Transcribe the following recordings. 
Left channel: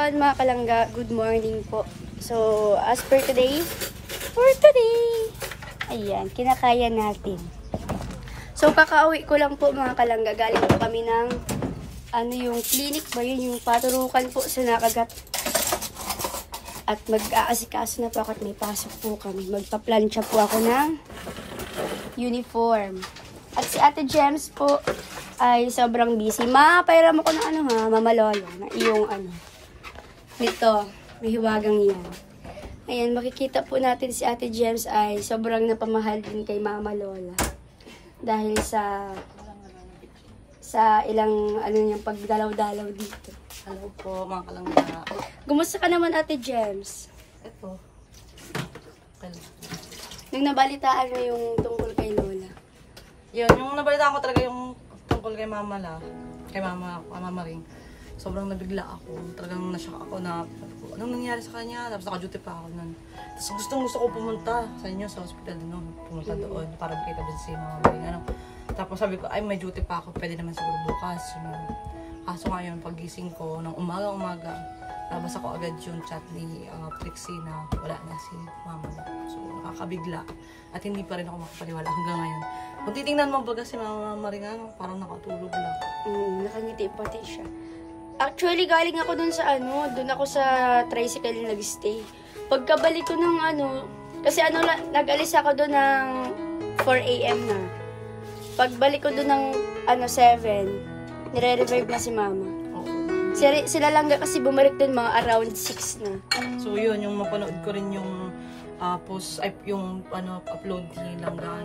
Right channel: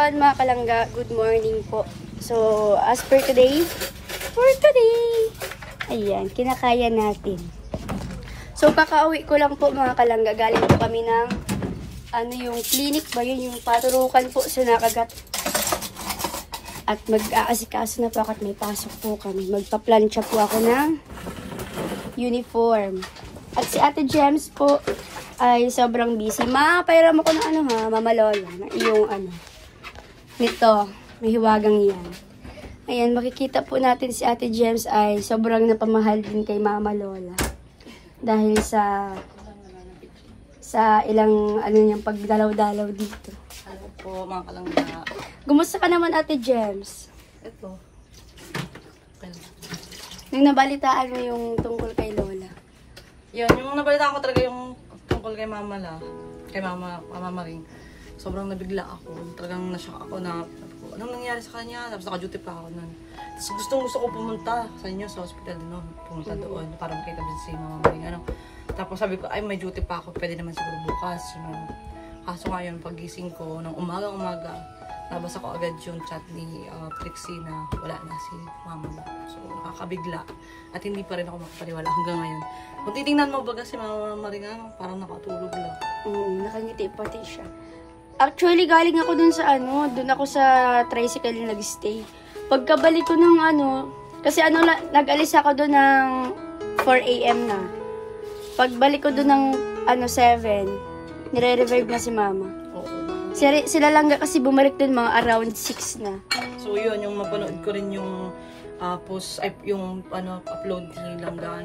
everyone, mga kalangga. Good morning po. So, as for today, ayan, kinakaya natin. So, kakauwi ko lang po mga kalangga. Galing po kami ng, yung clinic ba yun? Yung paturukan po sa nakagat. At mag-aasikaso na po ako at may pasok po kami. Magpa-plancha po ako ng uniform. At si Ate Gems po ay sobrang busy. Pairam ako ng Mama Lola. Na iyong nito, may hiwagang yan. Ayan, makikita po natin si Ate Gems ay sobrang napamahal din kay Mama Lola. Dahil sa ilang niyang pagdalaw-dalaw dito. Hello po, mga kalangga. Gumusta ka naman, Ate Gems? Ito. Yung nabalitaan mo yung tungkol kay Lola. Yun, yung nabalitaan ko talaga yung tungkol kay Mama Maring. Sobrang nabigla ako. Talagang nashock ako na, anong nangyari sa kanya? Tapos naka-duty pa ako nun. Tapos gusto ko pumunta sa inyo sa hospital, pumunta doon para makita din si Mama Maring. Tapos sabi ko, ay may duty pa ako, pwede naman siguro bukas. Kaso ngayon, pagising ko, ng umaga, nabasa ko agad yung chat ni Trixie na wala na si Mama na. So, nakakabigla. At hindi pa rin ako makapaniwala hanggang ngayon. Kung titingnan mo baga si Mama Maring, parang nakatulog lang. Nakangiti pati siya. Actually, galing ako dun sa dun ako sa tricycle na nag-stay. Pagkabalik ko ng kasi nag-alis ako dun ng 4 AM na. Pagbalik ko dun ng 7, nire-revive na si Mama. Oo. Sila lang kasi bumalik dun mga around 6 na. So yun, yung mapanood ko rin yung post, yung upload ni Langga,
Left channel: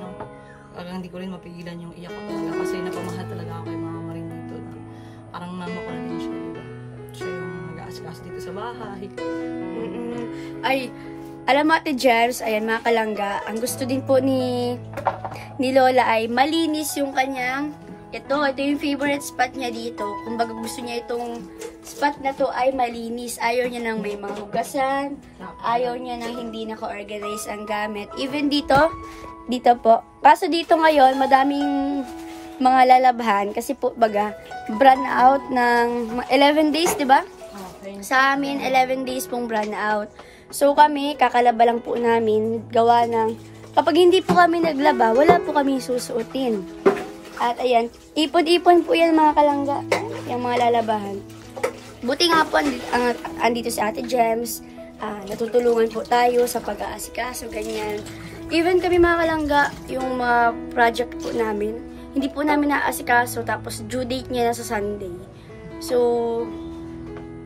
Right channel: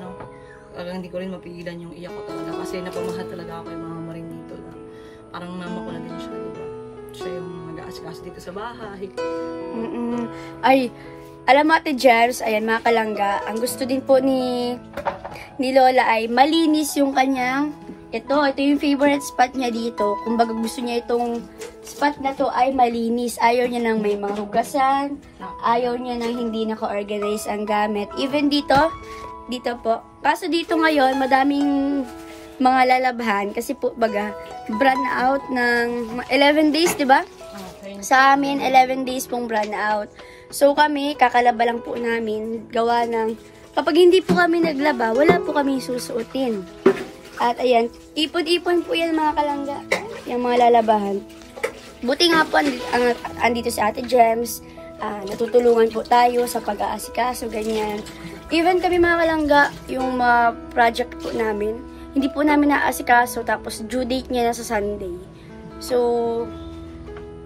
talagang hindi ko rin mapigilan yung iyak ko talaga. Kasi napamahal talaga ako kay Mama Maring dito na. Parang mama ko na din siya, diba? Siya yung nag-aasikaso dito sa bahay. Ay, alam mo Ate Gems, ayan mga kalangga, ang gusto din po ni Lola ay malinis yung kanyang, ito yung favorite spot niya dito. Kung baga gusto niya itong spot na to ay malinis. Ayaw niya nang may mga hugasan, ayaw niya nang hindi naka-organize ang gamit. Even dito po. Paso dito ngayon, madaming mga lalabhan kasi po baga brand out ng 11 days, 'di ba? Okay. Sa amin 11 days pong brand out. So kami kakalaba lang po namin gawa ng kapag hindi po kami naglaba, wala po kami susuotin. At ayan, ipon-ipon po 'yan mga kalangga, yung mga lalabahan. Buti nga po andito si Ate Gems, natutulungan po tayo sa pag-aasikaso ganyan. Even kami mga kalangga, yung mga project po namin, hindi po namin naasikaso tapos due date niya na sa Sunday. So,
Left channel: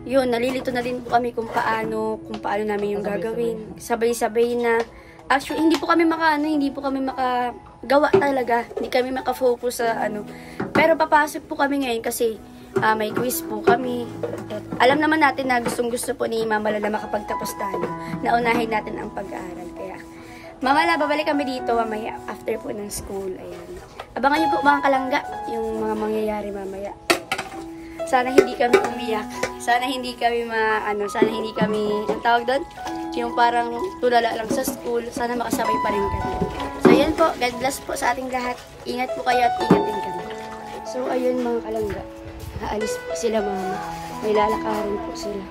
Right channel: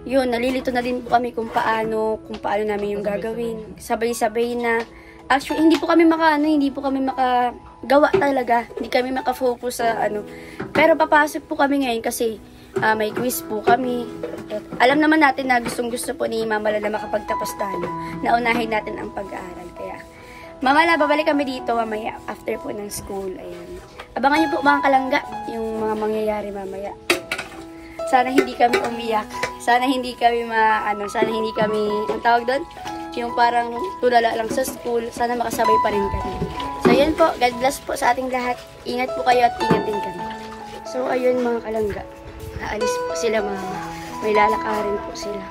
yun, nalilito na din po kami kung paano namin yung gagawin. Sabay-sabay na, actually, hindi po kami makagawa talaga. Hindi kami makafocus sa Pero papasok po kami ngayon kasi may quiz po kami. At alam naman natin na gustong-gusto po ni Mama Lola makapagtapos tayo. Naunahin natin ang pag-aaral. Kaya, Mama Lola, babalik kami dito mamaya after po ng school. Ayan. Abangan niyo po mga kalangga yung mga mangyayari mamaya. Sana hindi kami umiyak. Sana hindi kami ang tawag doon? Yung parang tulala lang sa school. Sana makasabay pa rin kami. So, ayan po. God bless po sa ating lahat. Ingat po kayo at ingat din kami. So, ayun mga kalangga. Naalis po sila Mama. May lalakarin po sila.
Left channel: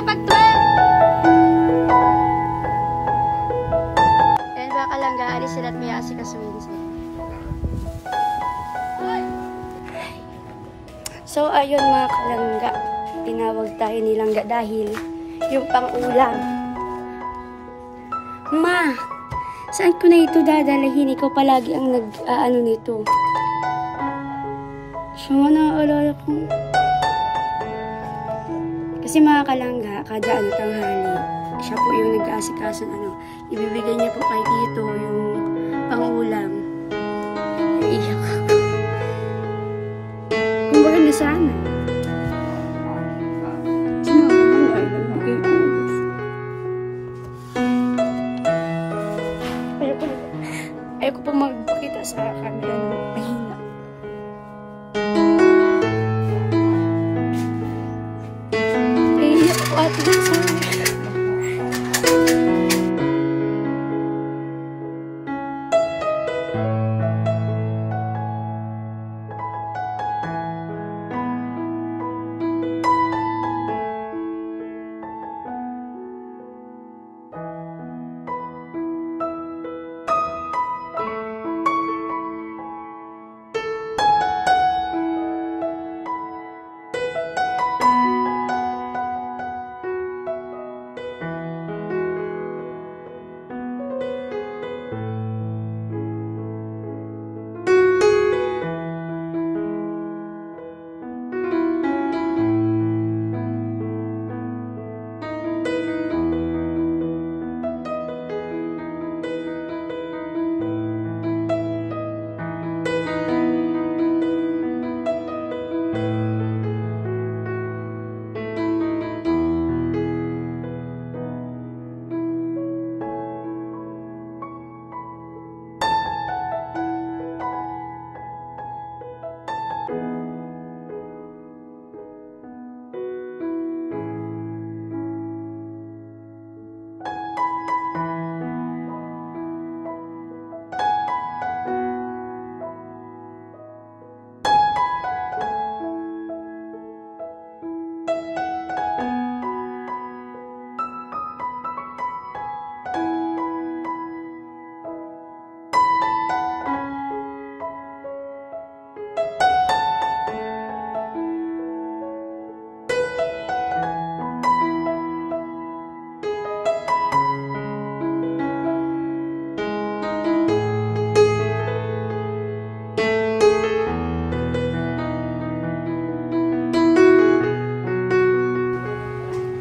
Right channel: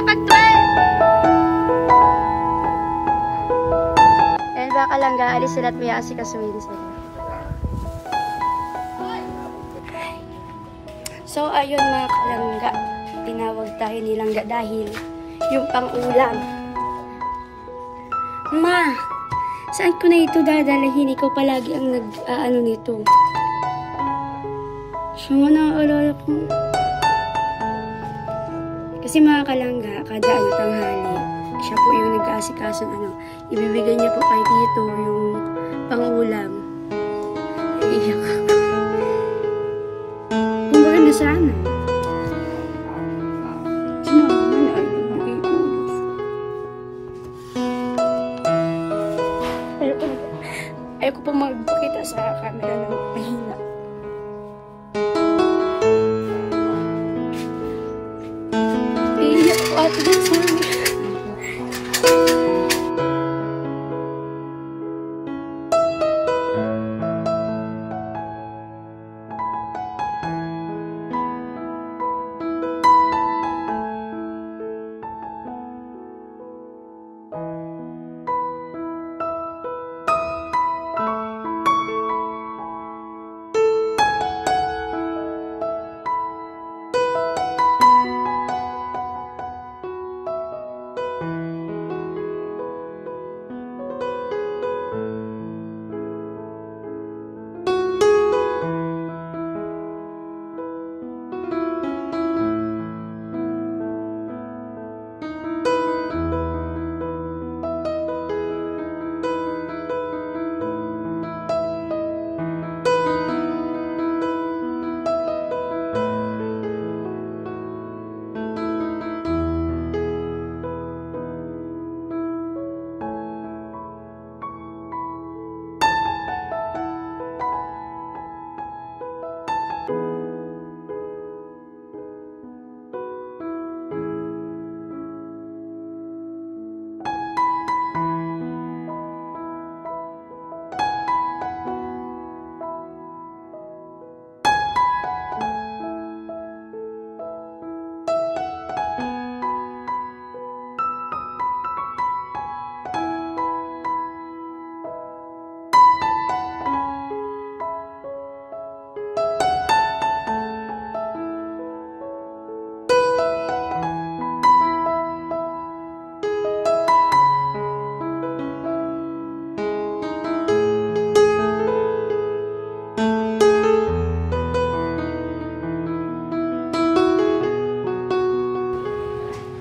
kapag 12! And baka lang gaalis sila at may asikasuhin sila. So, ayun mga kalangga. Tinawag tayo nilangga dahil yung pang-ulam. Ma, saan ko na ito dadalahin? Ikaw palagi ang nag-ano nito. So, naaalala ko. Kasi mga kalangga, kada tanghali, siya po yung nag-aasikaso ibibigay niya po kay Tito yung pang-ulam. Iyak ako. Kung baga nasanay. Sino naman ay nagbigay ko. Ayoko po magpakita sa camera ng mahina. Iyak ko at nasanay.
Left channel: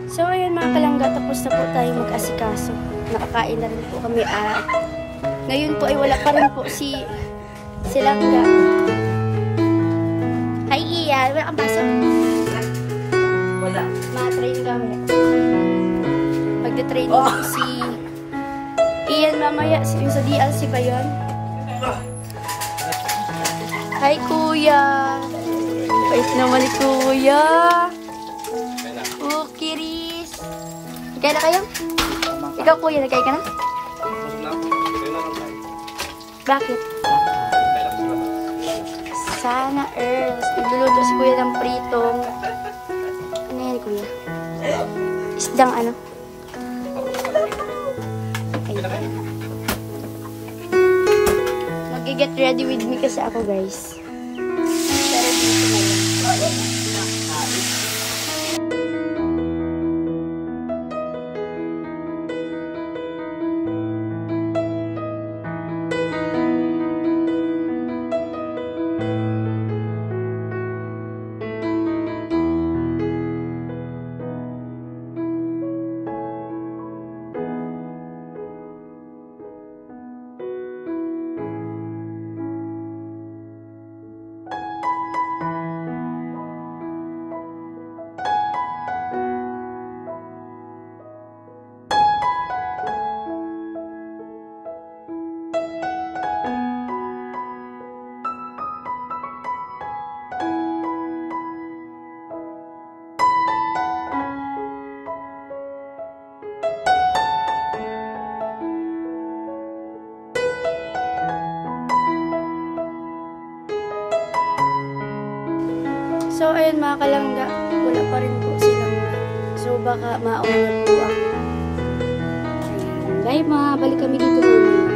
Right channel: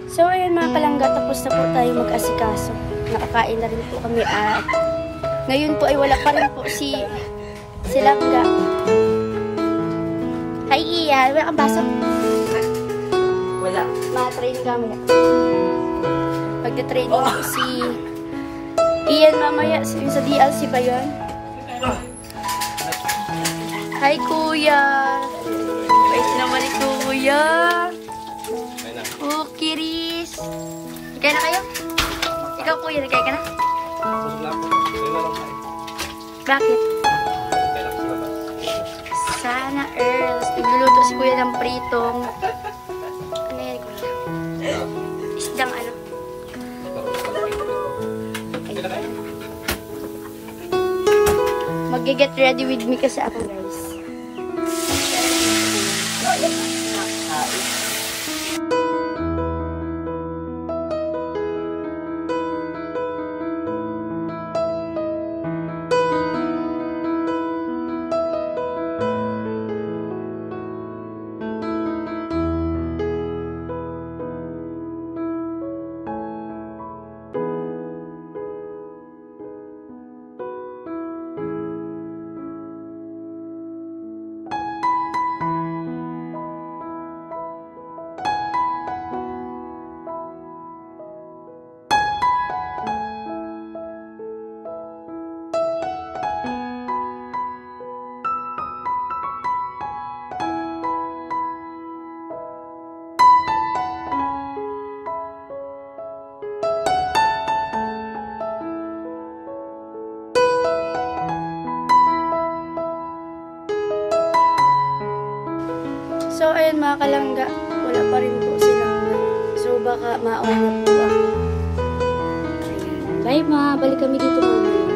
So, ayun mga kalangga, tapos na po tayo mag-asikaso. Nakakain na rin po kami at ngayon po ay wala pa rin po si Langga. Hi, Ian. Wala kang baso? Wala. Ma-training kami. Magde-training po si Ian mamaya. Yung sa DLC ba yun? Hi, Kuya. Wait naman ni Kuya. Oh, Kiris. Nagkaya na kayo? Ikaw, Kuya, nagkaya ka na? Bakit? Sana, Earls. Nagluluto si Kuya ng pritong. Ano yan, Kuya? Isdang ano? Mag-get ready with me kasi ako, guys. So, ayun mga kalangga, wala pa rin po silang. So, baka mauna po ako. Ayan. Bye ma, balik kami dito mamaya.